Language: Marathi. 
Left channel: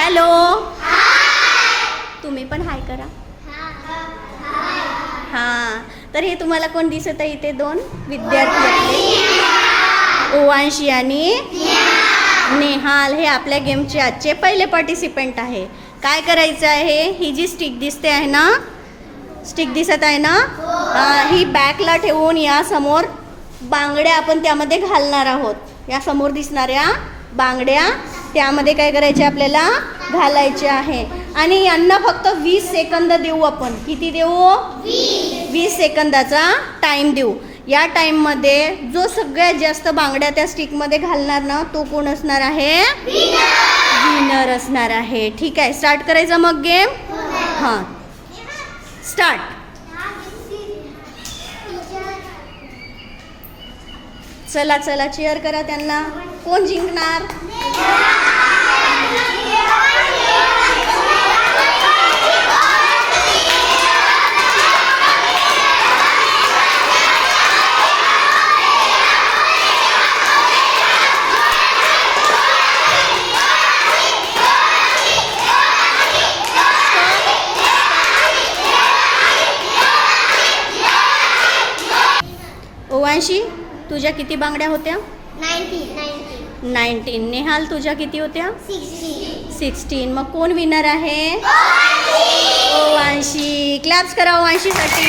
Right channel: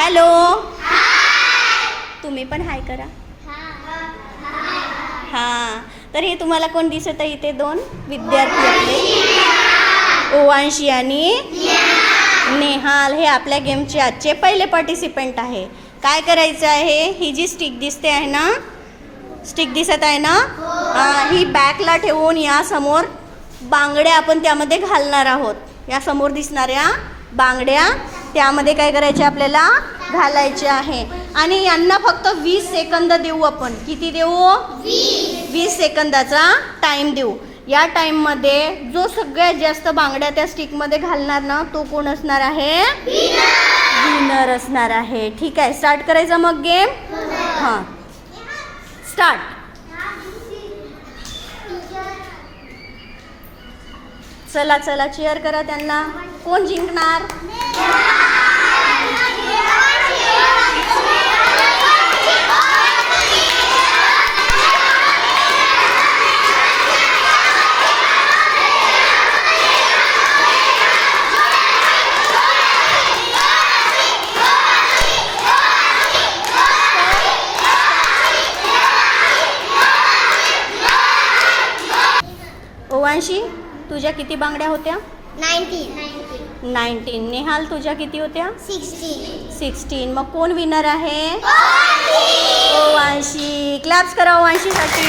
हॅलो. तुम्ही पण हाय करा. हां, तर हे तुम्हाला कोण दिसत आहे इथे? दोन विद्यार्थी आपले, ओवांशी आणि नेहाल. हे आपल्या गेमचे आजचे पहिले पार्टिसिपेंट आहे. काय करायचं आहे? ही जी स्टिक दिसते आहे ना, स्टिक दिसत आहे ना, ही बॅकला ठेवून या समोर बांगड्या आपण त्यामध्ये घालणार आहोत. या समोर दिसणाऱ्या बांगड्या त्यामध्ये काय करायचे आपल्याला? घालायचे आहे. आणि यांना फक्त 20 सेकंद देऊ आपण. किती देऊ? 20 सेकंदाचा टाईम देऊ. या टाईममध्ये जो सगळ्यात जास्त बांगड्या त्या स्टिकमध्ये घालणार ना, तो कोण असणार आहे? विनर असणार आहे. ठीक आहे, स्टार्ट करायचा मग गेम. हां, स्टार्ट. चला चला, चीअर करा त्यांना. कोण जिंकणार? ओवांशी, तुझ्या किती बांगड्या होत्या? 19. नेहाल, तुझ्या किती होत्या? 16. मग कोण विनर आहे? ओवांशी. क्लॅप्स करा ओवांशीसाठी.